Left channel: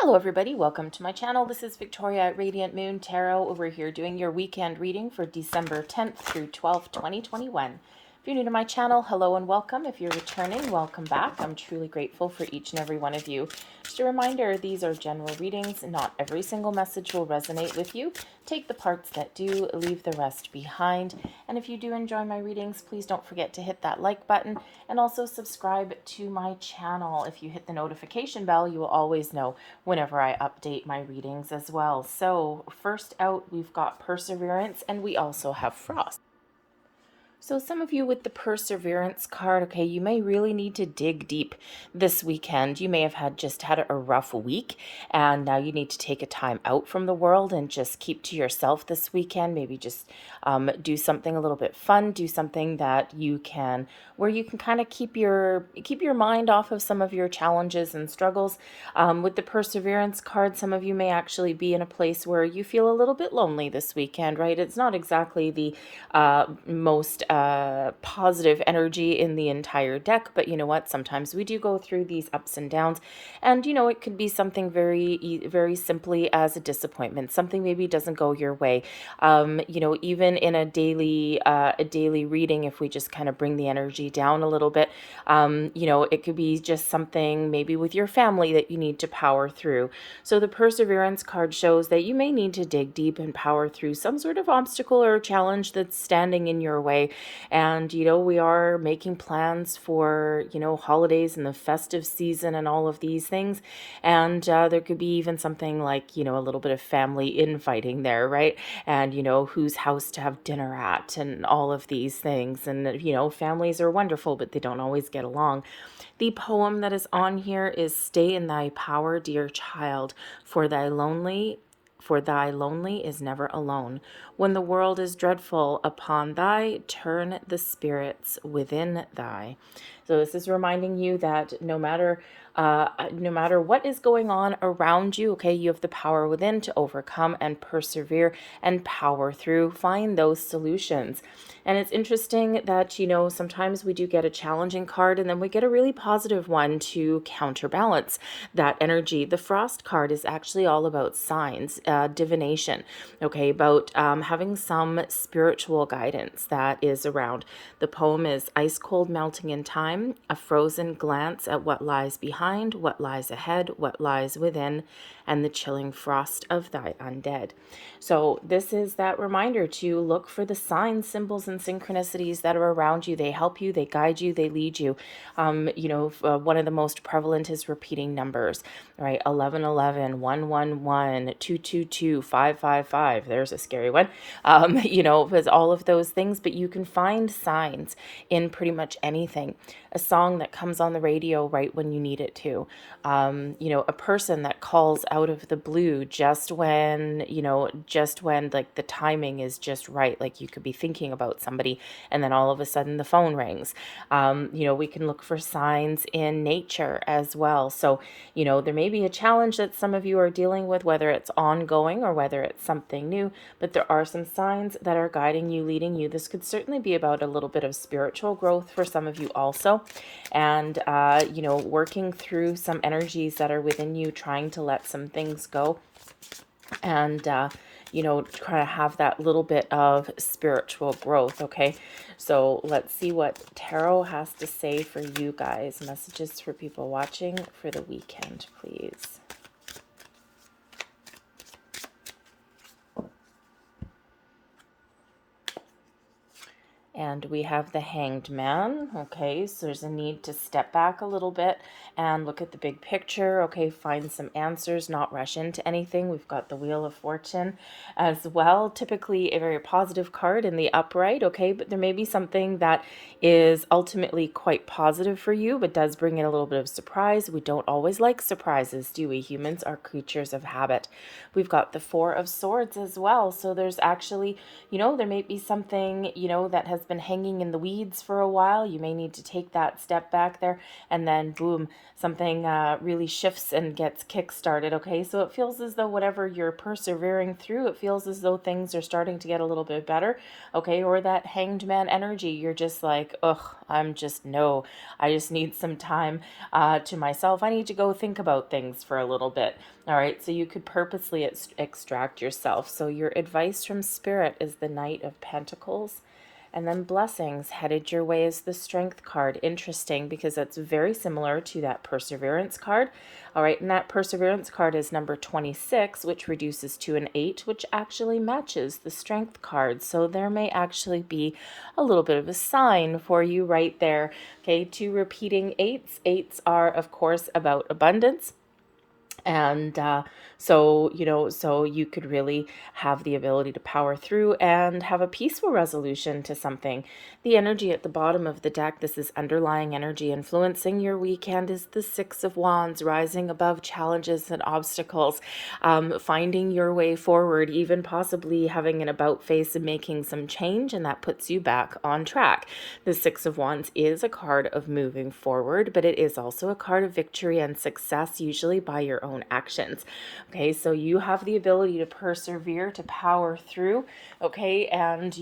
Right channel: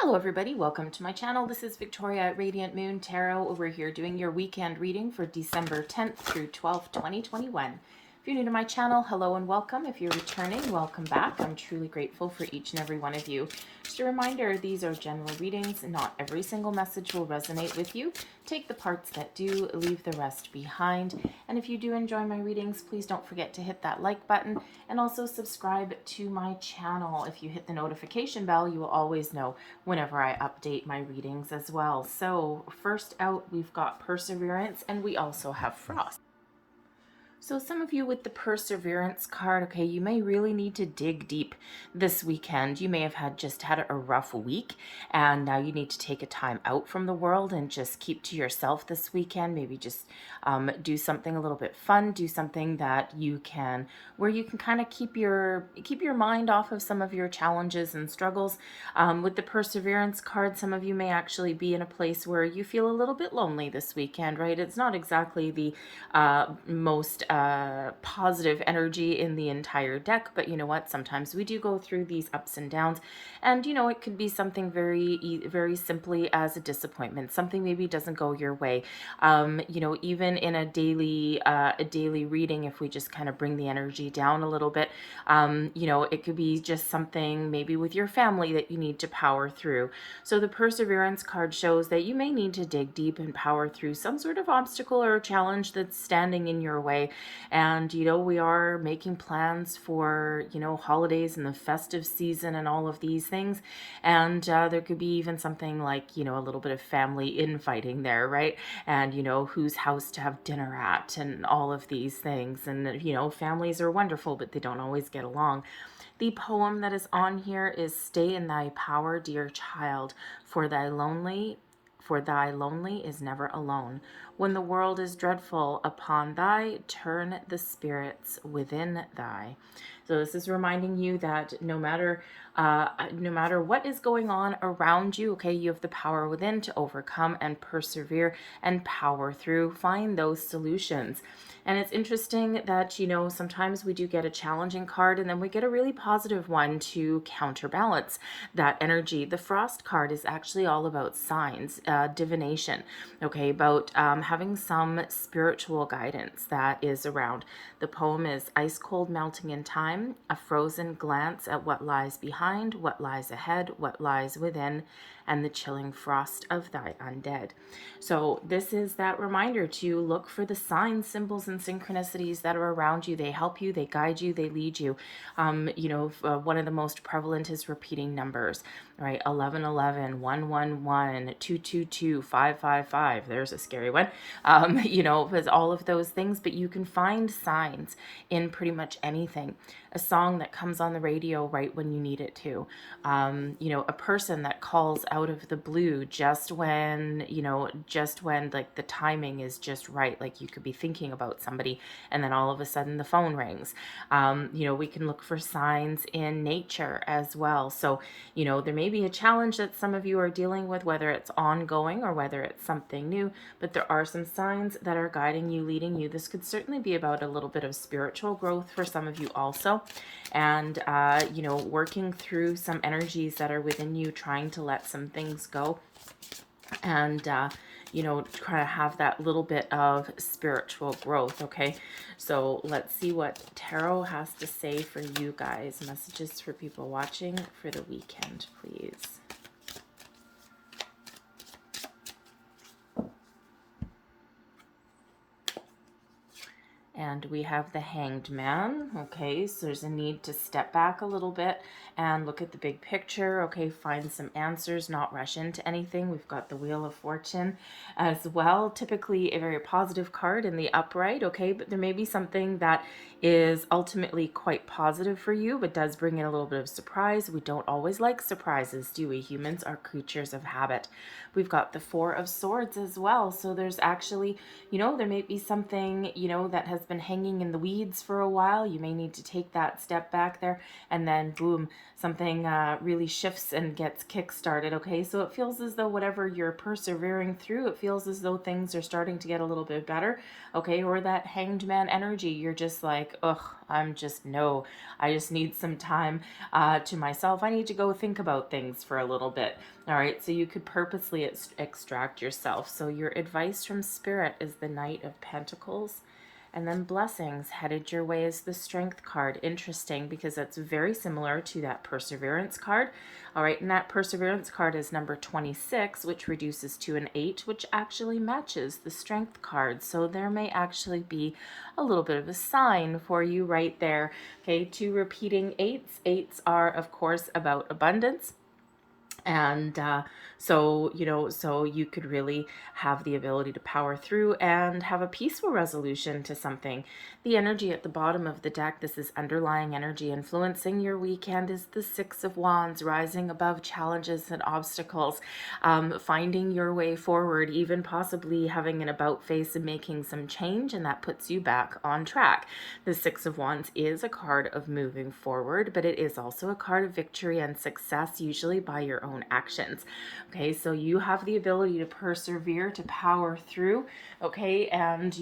Hello everybody, welcome to my channel. This is Victoria at Radiant Moon Tarot over here doing your weekend reading for December 10th through 12th, 2021. If you're new to my channel, hello and welcome. If you're returning, welcome back. I'm truly grateful for each and every one of you. Just a reminder, these are general readings. Not every single message will resonate with you. Take the parts that do, leave the rest behind. And if you do enjoy my readings, please don't forget to hit that like button and also subscribe to my channel. If you hit the notification bell, you will always know whenever I update my readings as well. So first out, we've got Perseverance, and we also have Frost. So some of you with the Perseverance card, okay, you may really need to dig deep this weekend. You may have just had a rough week, and now you need to take a time out from the world and just keep to yourself this weekend. Maybe just do something a little bit fun, do something that you can, where you can kind of keep your mind off of some of your challenges and struggles. With the Perseverance card, some of you may actually be in a place where you feel a little bit lonely this weekend, right? It's not exactly the most positive energy in the entire deck, but you know what? Sometimes we do go through these ups and downs, and you know, it could be something very simply as a disappointment. Something maybe doesn't go your way. You know, even in a daily reading, if we just kind of bring the energy down a little bit, you know, it could be just something maybe with your family that you need to power through. So the Perseverance card shows that you may need to dig deep and power through some sort of obstacle or challenge that's standing in your way. And you know, we are making plans for, you know, holidays and the festive season and all of these things, and there could be even something like, you know, a little bit of family infighting there, right? And you know, whose house to have dinner at and all of these things. And you know, families are wonderful, but they don't always get along. The poem that is on here is "Stay in thy power, dear child, for thy lonely is never alone. When the world is dreadful upon thy, turn the spirits within thy." So this is reminding you that no matter what is going on around you, okay, you have the power within to overcome and persevere and power through, find those solutions. And it's interesting that, you know, sometimes we do get a challenging card and then we get a really positive one to counterbalance that energy. The Frost card is actually all about signs, divination, okay, about having some spiritual guidance that is around. The poem is "Ice cold melting in time, a frozen glance at what lies behind, what lies ahead, what lies within, and the chilling frost of thy undead." So this is that reminder to look for the signs, symbols, and synchronicities that are around you. They help you, they guide you, they lead you. You know, one of the most prevalent is repeating numbers, right? 1111, 111, 222, 555. There's a scary one. You know, with all of those things, but you can find signs in pretty much anything. A song that comes on the radio right when you need it to. You know, a person that calls out of the blue just when, you know, just when like the timing is just right. Like you could be thinking about somebody and then all of a sudden the phone rings. You know, we can look for signs in nature as well. So, you know, there may be a challenge that some of you are dealing with, whether it's ongoing or whether it's something new, but there are some signs that are guiding you, leading you. This could certainly be about a little bit of spiritual growth for some of you also. And, you know, working through some energies that are within you, trying to let some things go. And, you know, try to have that little bit of spiritual growth, okay? So let's see what tarot has to say for you guys. Messages for people watching for the weekend, please. And we have the Hanged Man, okay, so there's a need to step back a little bit and look at the big picture, okay, find some answers, not rush into anything. We've got the Wheel of Fortune as well, typically a very positive card in the upright, okay, but there may be something that is ultimately quite positive for you, but does bring in a little bit of surprise. We don't always like surprises, do we? Humans are creatures of habit. We've got the Four of Swords as well, so there's actually, you know, there may be something, you know, that has been hanging in the weeds for a while. You may need to take that step back there, and then boom, something really shifts and gets kick-started, okay? So it feels as though whatever you're persevering through, it feels as though things are starting to get a little bit better, okay? Or that hanged man energy, you're just like, ugh, no, I just need some time to myself. I need to go think about things for a little bit, all right? So you could purposely extract yourself. So your advice from Spirit is the Knight of Pentacles. And then blessings headed your way is the Strength card. Interesting, because that's very similar to that Perseverance card. All right, and that Perseverance card is number 26, which reduces to an 8, which actually matches the Strength card. So there may actually be a little bit of a sign for you right there. Okay, 2 repeating 8s. 8s are, of course, about abundance. And so you could really have the ability to power through and have a peaceful resolution to something. The energy at the bottom of the deck, this is underlying energy influencing your weekend, is the 6 of Wands, rising above challenges and obstacles, finding your way forward, even possibly having an about face and making some change, and that puts you back on track. The 6 of Wands is a card of moving forward, but it is also a card of victory and success, usually by your own actions. Okay, so you have the ability to persevere, to power through, okay, and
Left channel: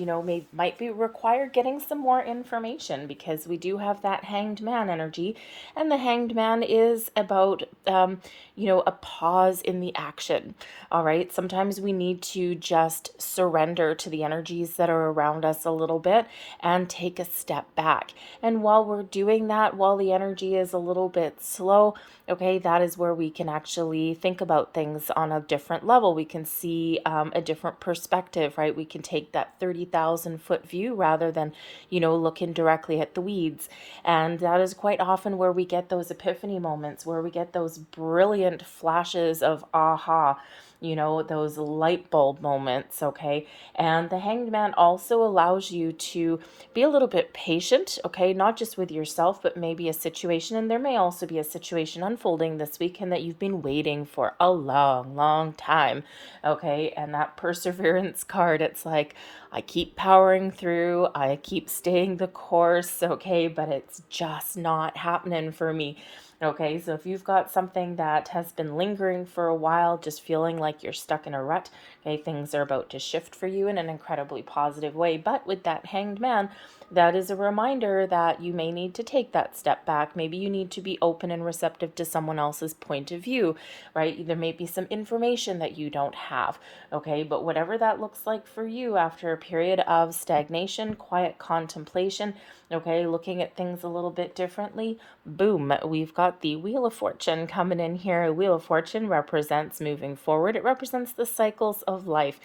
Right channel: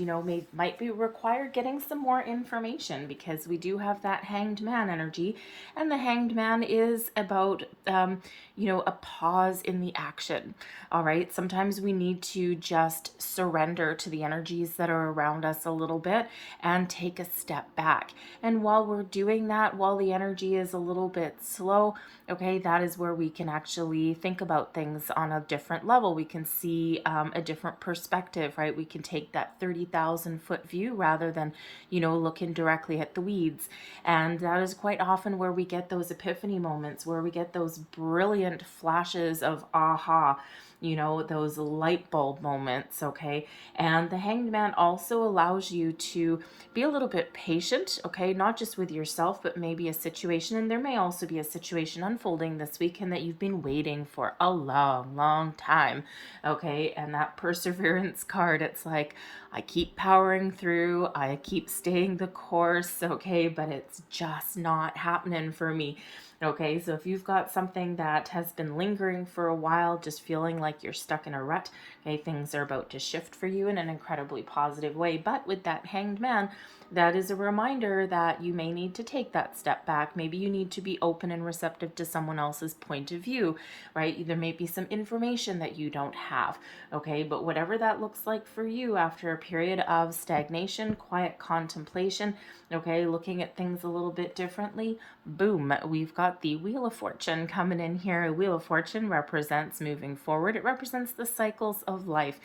might be required getting some more information, because we do have that hanged man energy, and the hanged man is about a pause in the action. All right, sometimes we need to just surrender to the energies that are around us a little bit and take a step back. And while we're doing that, while the energy is a little bit slow, okay, that is where we can actually think about things on a different level. We can see a different perspective, right? We can take that 30,000 foot view rather than, looking directly at the weeds. And that is quite often where we get those epiphany moments, where we get those brilliant flashes of aha, those light bulb moments, okay? And the hanged man also allows you to be a little bit patient, okay? Not just with yourself, but maybe a situation. And there may also be a situation unfolding this weekend that you've been waiting for a long, long time, okay? And that perseverance card, it's like, I keep powering through, I keep staying the course, okay? But it's just not happening for me. Okay, so if you've got something that has been lingering for a while, just feeling like you're stuck in a rut, okay, things are about to shift for you in an incredibly positive way. But with that hanged man, that is a reminder that you may need to take that step back. Maybe you need to be open and receptive to someone else's point of view, right? There may be some information that you don't have, okay? But whatever that looks like for you after a period of stagnation, quiet contemplation, okay, looking at things a little bit differently, boom, we've got the Wheel of Fortune coming in here. Wheel of Fortune represents moving forward. It represents the cycles of life.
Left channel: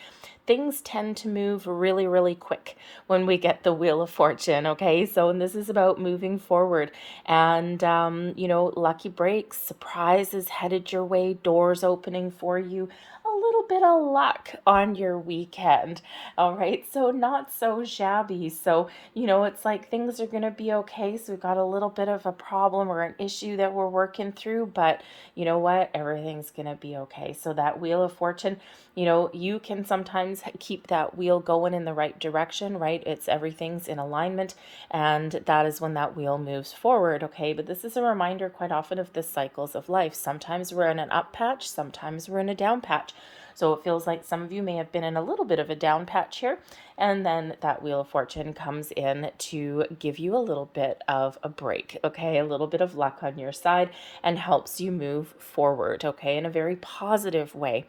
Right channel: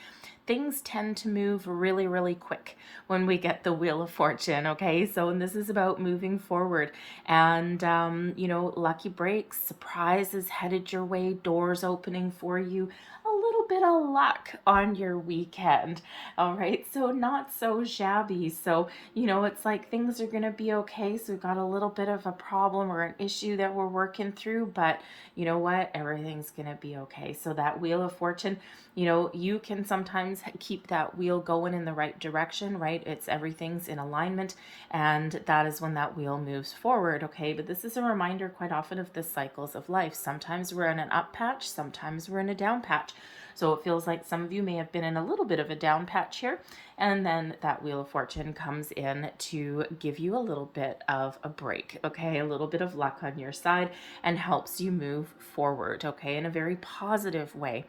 Things tend to move really, really quick when we get the Wheel of Fortune, okay? So, and this is about moving forward. And, lucky breaks, surprises headed your way, doors opening for you, a little bit of luck on your weekend, all right? So not so shabby. So, it's like things are going to be okay. So we've got a little bit of a problem or an issue that we're working through, but you know what? Everything's going to be okay. So that Wheel of Fortune, you can sometimes keep that wheel going in the right direction, right? It's everything's in alignment, and that is when that wheel moves forward, okay? But this is a reminder quite often of the cycles of life. Sometimes we're in an up patch, sometimes we're in a down patch. So it feels like some of you may have been in a little bit of a down patch here, and then that Wheel of Fortune comes in to give you a little bit of a break, okay? A little bit of luck on your side, and helps you move forward, okay? In a very positive way.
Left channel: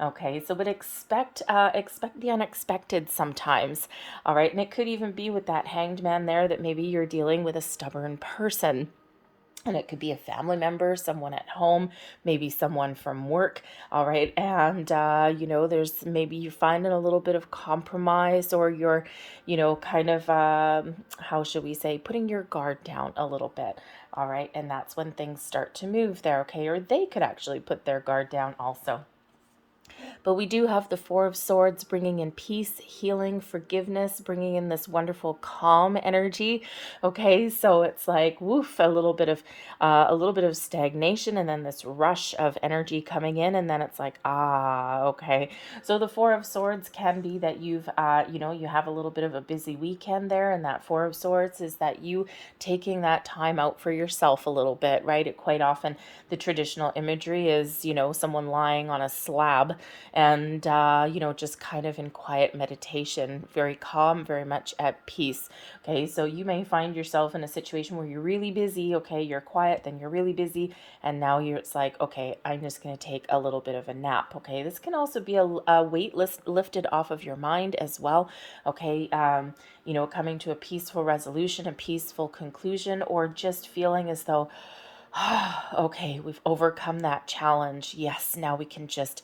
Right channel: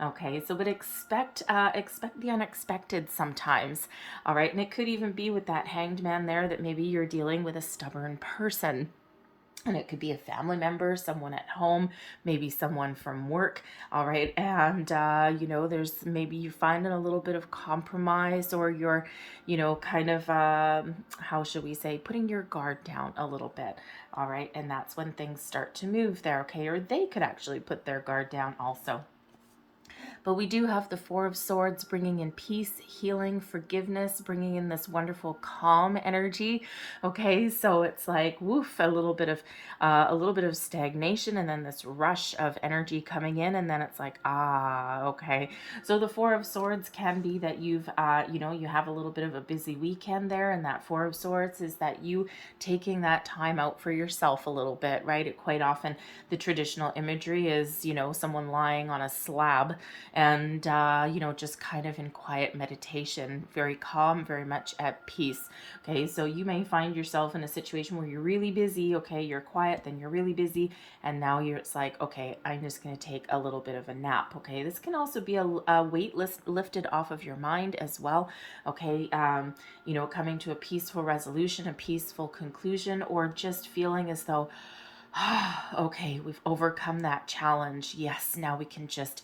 Okay, so but expect the unexpected sometimes. All right, and it could even be with that hanged man there that maybe you're dealing with a stubborn person. And it could be a family member, someone at home, maybe someone from work. All right. And, there's maybe you're finding a little bit of compromise, or you're, kind of, how should we say, putting your guard down a little bit. All right. And that's when things start to move there. Okay. Or they could actually put their guard down also. But we do have the Four of Swords bringing in peace, healing, forgiveness, bringing in this wonderful calm energy. Okay, so it's like woof, a little bit of stagnation, and then this rush of energy coming in, and then it's like okay. So the Four of Swords can be that you've you have a little bit of a busy weekend there, and that Four of Swords is that you taking that time out for yourself a little bit, right? It quite often, the traditional imagery is someone lying on a slab and just kind of in quiet meditation, very calm, very much at peace. Okay, so you may find yourself in a situation where you're really busy. Okay, you're quiet, then you're really busy, and now it's like, okay, I'm just going to take a little bit of a nap. Okay, this can also be a weight lifted off of your mind as well. Okay, coming to a peaceful resolution, a peaceful conclusion, or just feeling as though, okay, we've overcome that challenge. Yes, now we can just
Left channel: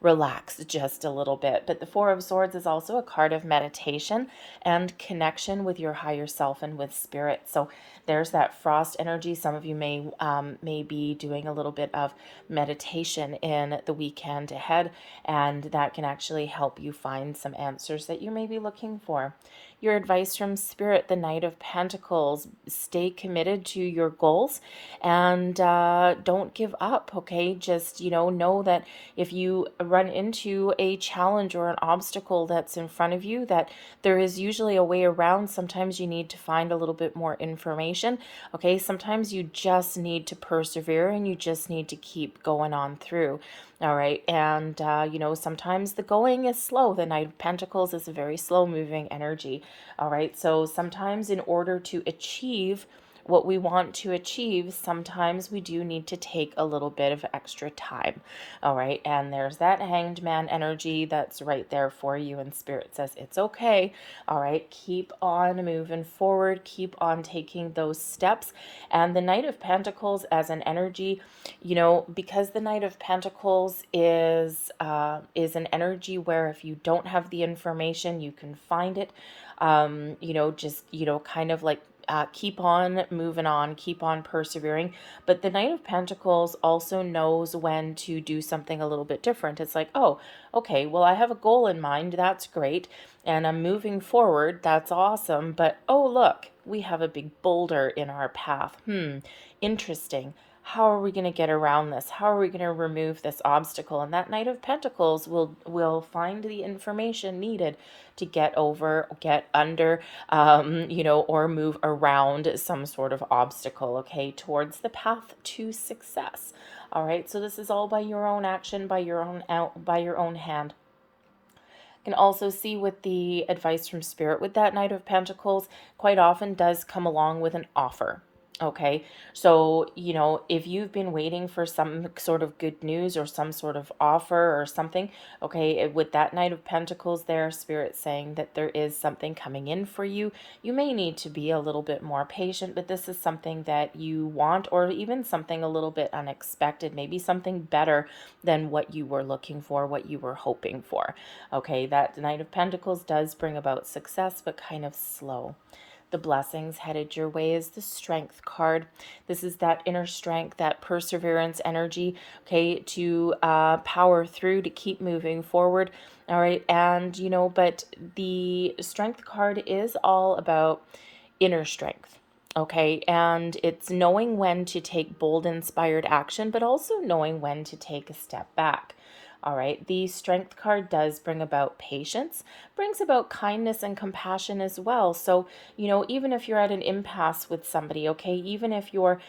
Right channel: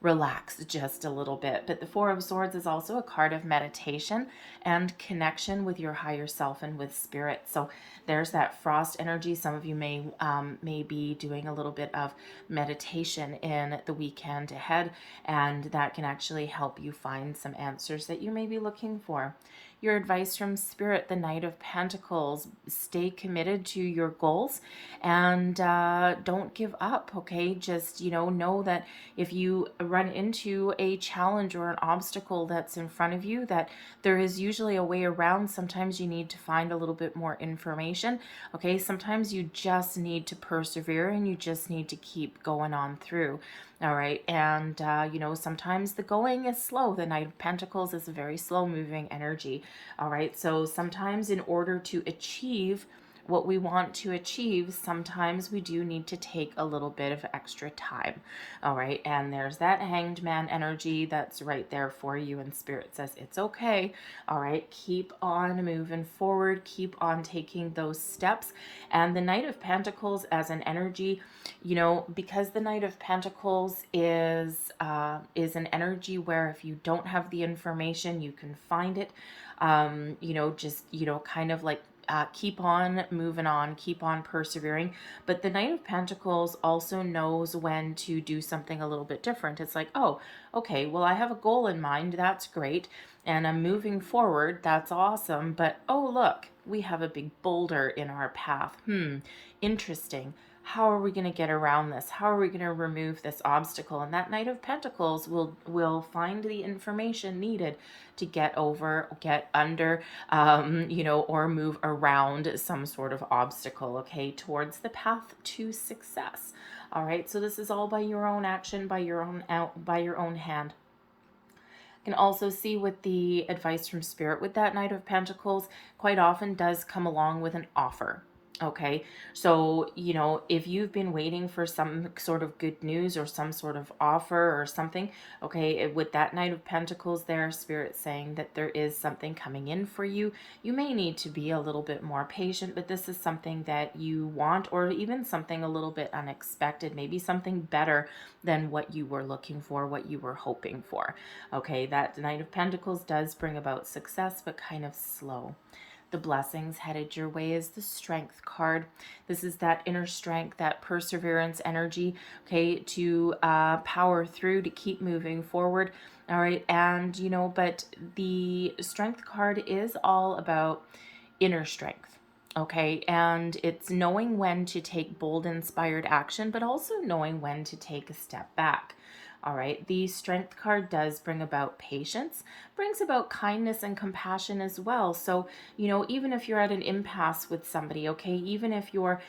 relax just a little bit. But the Four of Swords is also a card of meditation and connection with your higher self and with spirit. So there's that frost energy. Some of you may be doing a little bit of meditation in the weekend ahead, and that can actually help you find some answers that you may be looking for. Your advice from Spirit, the Knight of Pentacles: stay committed to your goals and don't give up, okay? Just, know that if you run into a challenge or an obstacle that's in front of you, that there is usually a way around. Sometimes you need to find a little bit more information, okay? Sometimes you just need to persevere and you just need to keep going on through. All right. And, sometimes the going is slow. The Knight of Pentacles is a very slow moving energy. All right. So sometimes in order to achieve what we want to achieve, sometimes we do need to take a little bit of extra time. All right. And there's that Hanged Man energy that's right there for you. And Spirit says it's okay. All right. Keep on moving forward. Keep on taking those steps. And the Knight of Pentacles as an energy, because the Knight of Pentacles is an energy where if you don't have the information, you can find it. Kind of like keep on moving on, keep on persevering. But the Knight of Pentacles also knows when to do something a little bit different. It's like, oh, okay, well, I have a goal in mind. That's great. And I'm moving forward. That's awesome. But, oh, look, we have a big boulder in our path. Interesting. How are we going to get around this? How are we going to remove this obstacle? And that Knight of Pentacles will find the information needed to get over, get under, or move around some sort of obstacle, okay, towards the path to success. All right, so this is all by your own action, by your own hand. You can also see with the advice from Spirit with that Knight of Pentacles, quite often does come along with an offer. Okay, so, if you've been waiting for some sort of good news or some sort of offer or something, okay, with that Knight of Pentacles there, Spirit saying that there is something coming in for you. You may need to be a little bit more patient, but this is something that you want, or even something a little bit unexpected, maybe something better than what you were looking for, what you were hoping for. Okay, that Knight of Pentacles does bring about success, but kind of slow. The blessings headed your way is the Strength card. This is that inner strength, that perseverance energy, okay, to power through, to keep moving forward. All right. And, but the Strength card is all about inner strength. Okay. And it's knowing when to take bold, inspired action, but also knowing when to take a step back. All right, the Strength card does bring about patience, brings about kindness and compassion as well. So, even if you're at an impasse with somebody, okay, even if you're,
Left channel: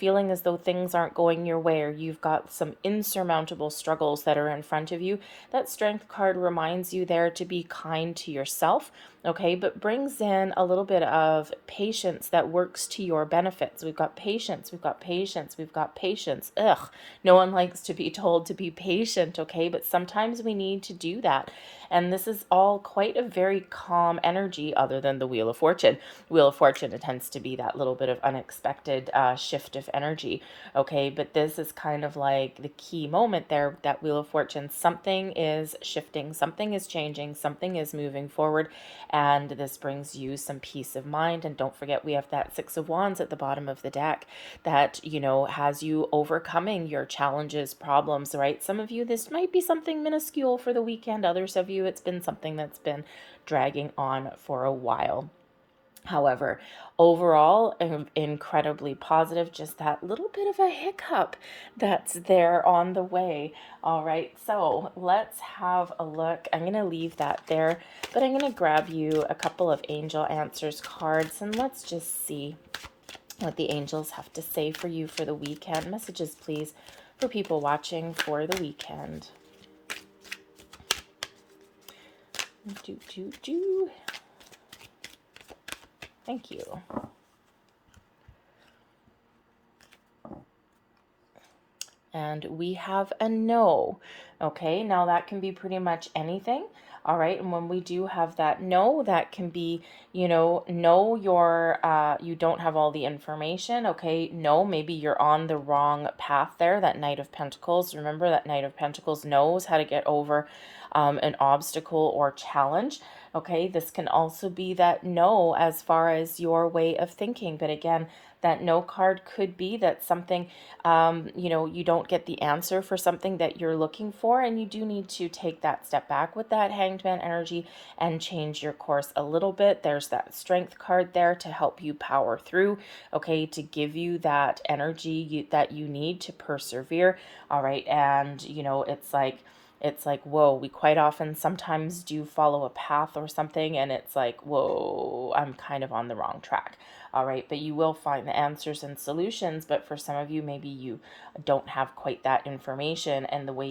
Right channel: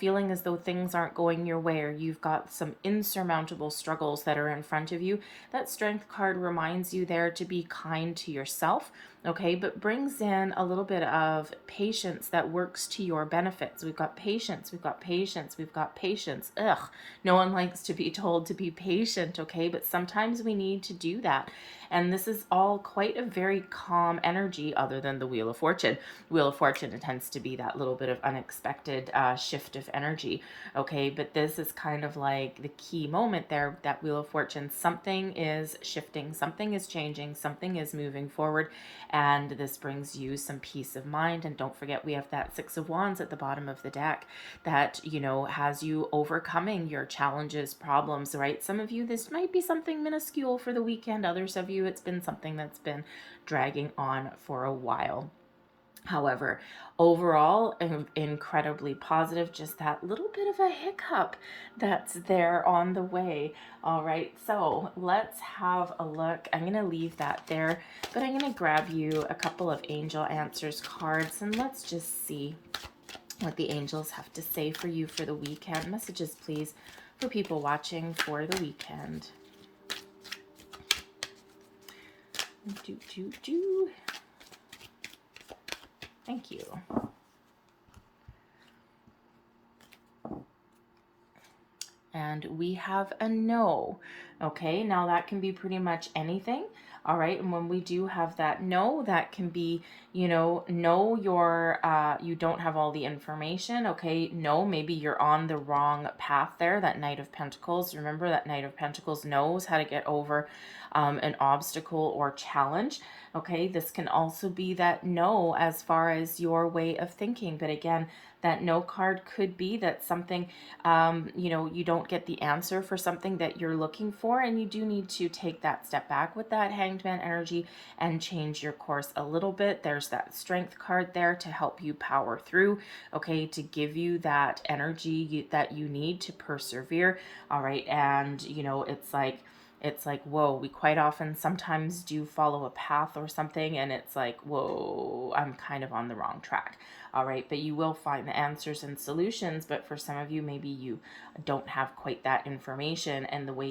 feeling as though things aren't going your way or you've got some insurmountable struggles that are in front of you, that Strength card reminds you there to be kind to yourself, okay, but brings in a little bit of patience that works to your benefits. We've got patience, we've got patience, we've got patience. Ugh, no one likes to be told to be patient, okay, but sometimes we need to do that. And this is all quite a very calm energy, other than the Wheel of Fortune. Wheel of Fortune, it tends to be that little bit of unexpected shift of energy, okay? But this is kind of like the key moment there, that Wheel of Fortune. Something is shifting, something is changing, something is moving forward. and this brings you some peace of mind. And don't forget, we have that Six of Wands at the bottom of the deck that, you know, has you overcoming your challenges, problems, right? Some of you, this might be something minuscule for the weekend. Others of you, it's been something that's been dragging on for a while. However, overall, incredibly positive, just that little bit of a hiccup that's there on the way. All right, so let's have a look. I'm going to leave that there, but I'm going to grab you a couple of angel answers cards, and let's just see what the angels have to say for you for the weekend. Messages, please, for people watching for the weekend. Thank you. And we have a no. Okay, now that can be pretty much anything. All right, and when we do have that no, that can be, you know, no, you don't have all the information. Okay, no, maybe you're on the wrong path there. That Knight of Pentacles, remember that Knight of Pentacles knows how to get over an obstacle or challenge. Okay, this can also be that no as far as your way of thinking. But again, that no card could be that something, you know, you don't get the answer for something that you're looking for, and you do need to take that step back with that Hanged Man energy and change your course a little bit. There's that Strength card there to help you power through, okay, to give you that energy that you need to persevere. All right, and you know, it's like, whoa, we quite often sometimes do follow a path or something, and it's like, whoa, I'm kind of on the wrong track. All right, but you will find the answers and solutions. But for some of you, maybe you don't have quite that information, and the way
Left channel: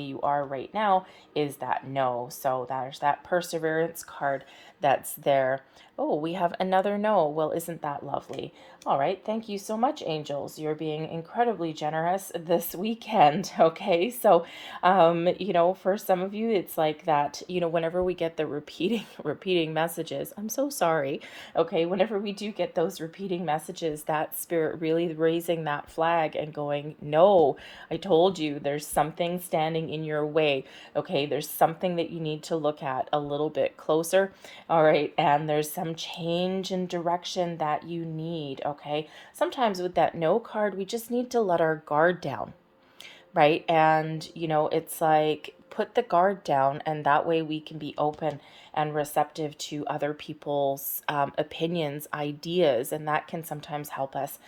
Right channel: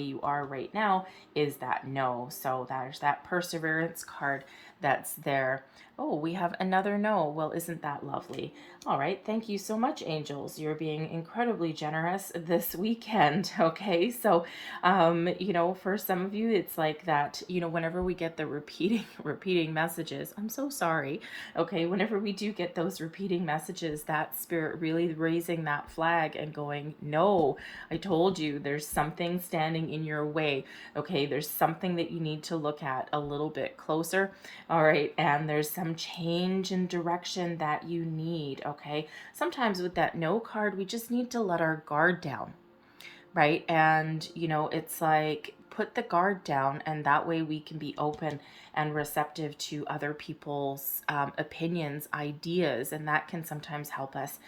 you are right now is that no. So there's that Perseverance card that's there. Oh, we have another no. Well, isn't that lovely? All right, thank you so much, angels. You're being incredibly generous this weekend, okay? So, you know, for some of you, it's like that, you know, whenever we get the repeating messages, I'm so sorry, okay? Whenever we do get those repeating messages, that spirit really raising that flag and going, no, I told you, there's something standing in your way, okay? There's something that you need to look at a little bit closer, all right? And there's some change in direction that you need, okay? Sometimes with that no card, we just need to let our guard down, right? And, you know, it's like, put the guard down, and that way we can be open and receptive to other people's opinions, ideas, and that can sometimes help us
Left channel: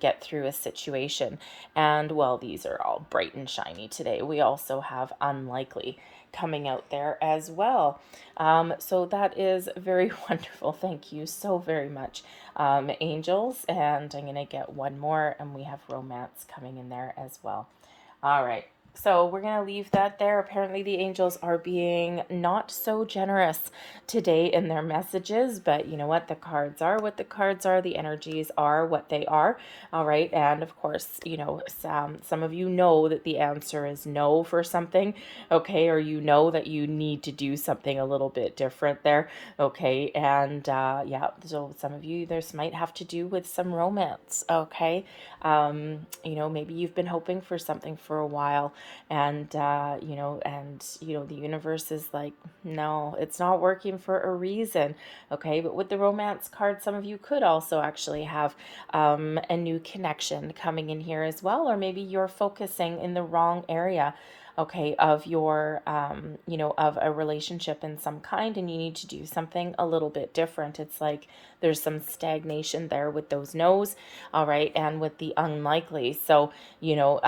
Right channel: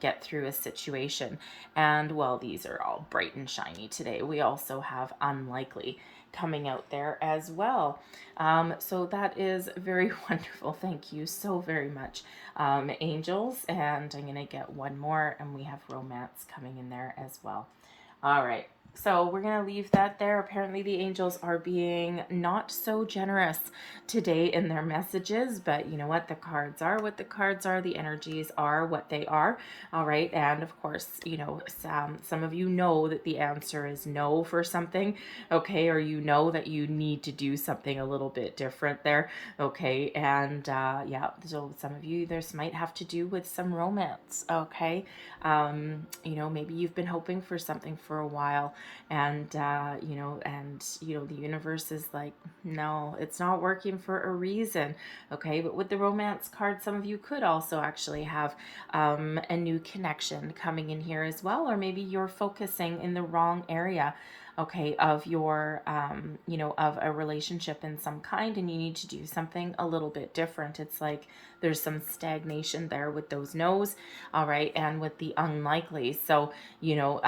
get through a situation. And, well, these are all bright and shiny today. We also have unlikely coming out there as well. So that is very wonderful. Thank you so very much, angels. And I'm going to get one more, and we have romance coming in there as well. All right. So we're going to leave that there. Apparently the angels are being not so generous today in their messages, but you know what? The cards are what the cards are. The energies are what they are. All right. And of course, you know, some of you know that the answer is no for something. Okay. Or you know that you need to do something a little bit different there. Okay. And yeah, so some of you, this might have to do with some romance. Okay. You know, maybe you've been hoping for something for a while, and you know, the universe is like, no, it's not working for a reason. Okay, but with the romance card, some of you could also actually have a new connection coming in here as well, or maybe you're focusing in the wrong area, okay, of your you know, of a relationship in some kind, and you need to do something a little bit different. It's like there's some stagnation there with those no's. All right, and with the unlikely. So, you know,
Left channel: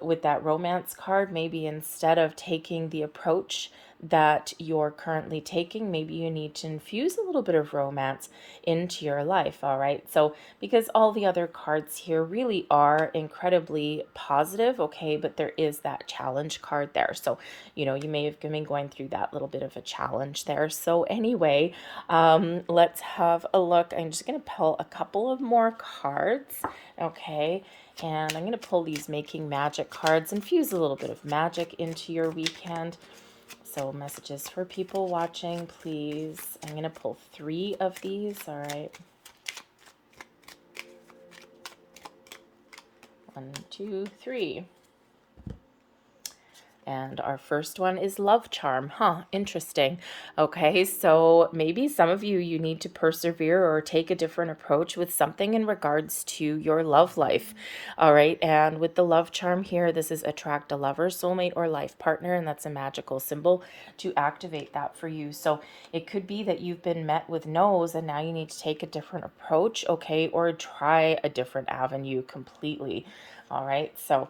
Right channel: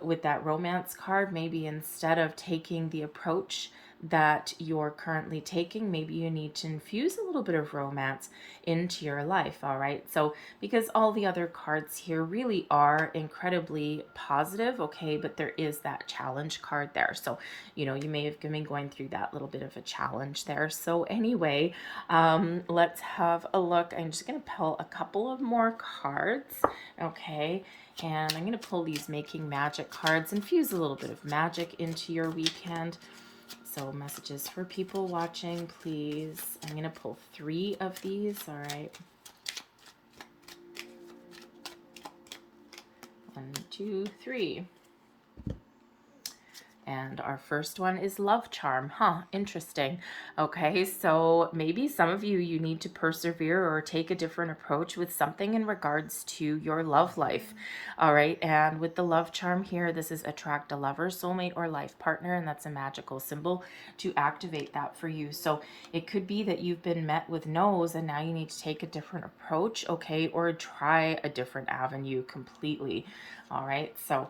with that romance card, maybe instead of taking the approach that you're currently taking, maybe you need to infuse a little bit of romance into your life. All right, so because all the other cards here really are incredibly positive, okay, but there is that challenge card there. So, you know, you may have been going through that little bit of a challenge there. So anyway, let's have a look. I'm just going to pull a couple of more cards, okay, and I'm going to pull these Making Magic cards, infuse a little bit of magic into your weekend. So messages for people watching, please. I'm going to pull 3 of these, all right. 1, 2, 3. And our first one is love charm. Interesting. Okay, so maybe some of you need to persevere or take a different approach with something in regards to your love life. All right, and with the love charm here, this is attract a lover, soulmate, or life partner, and that's a magical symbol to activate that for you. So it could be that you've been met with no's and now you need to take a different approach, okay, or try a different avenue completely. All right, so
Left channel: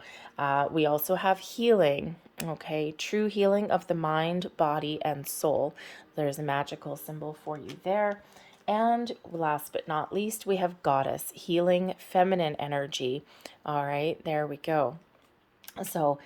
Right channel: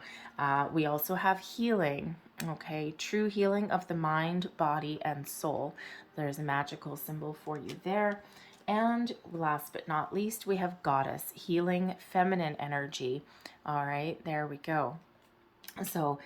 we also have healing, okay, true healing of the mind, body, and soul. There's a magical symbol for you there. And last but not least, we have goddess, healing feminine energy. All right, there we go. So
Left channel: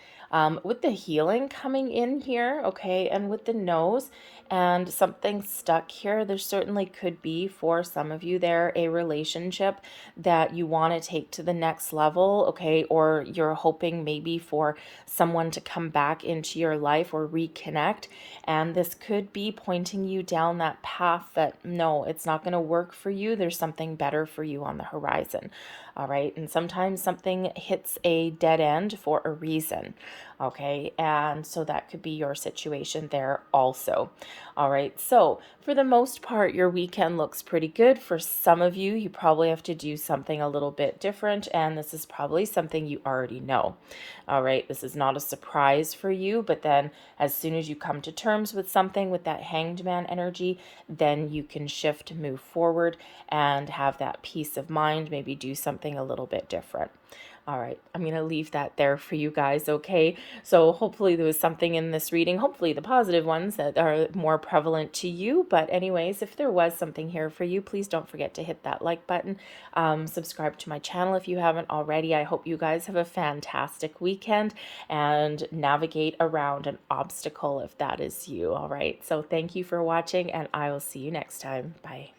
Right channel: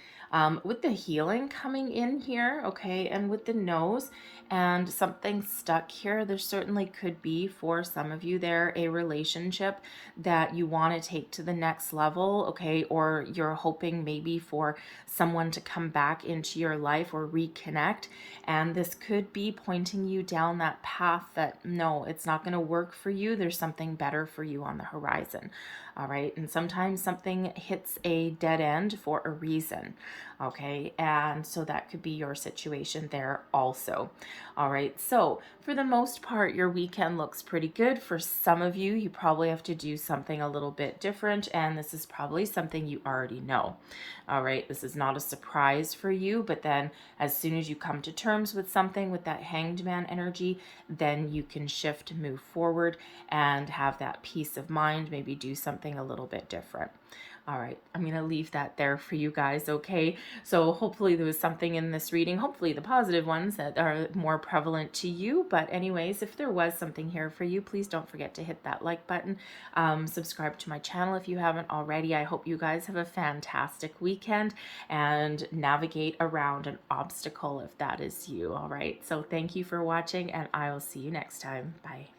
with the healing coming in here, okay, and with the nose and something stuck here, there certainly could be for some of you there a relationship that you want to take to the next level, okay, or you're hoping maybe for someone to come back into your life or reconnect, and this could be pointing you down that path that no, it's not going to work for you. There's something better for you on the horizon. All right, and sometimes something hits a dead end for a reason, okay, and so that could be your situation there also. All right, so for the most part, your weekend looks pretty good. For some of you, you probably have to do something a little bit different, and this is probably something you already know. All right, this is not a surprise for you, but then as soon as you come to terms with something with that hanged man energy, then you can shift, move forward, and have that peace of mind, maybe do something a little bit different. All right, I'm going to leave that there for you guys, okay? So hopefully there was something in this reading, hopefully the positive ones that are more prevalent to you. But anyways, if there was something here for you, please don't forget to hit that like button. Subscribe to my channel if you haven't already. I hope you guys have a fantastic weekend and navigate around an obstacle if that is you, all right? So thank you for watching, and I will see you next time. Bye.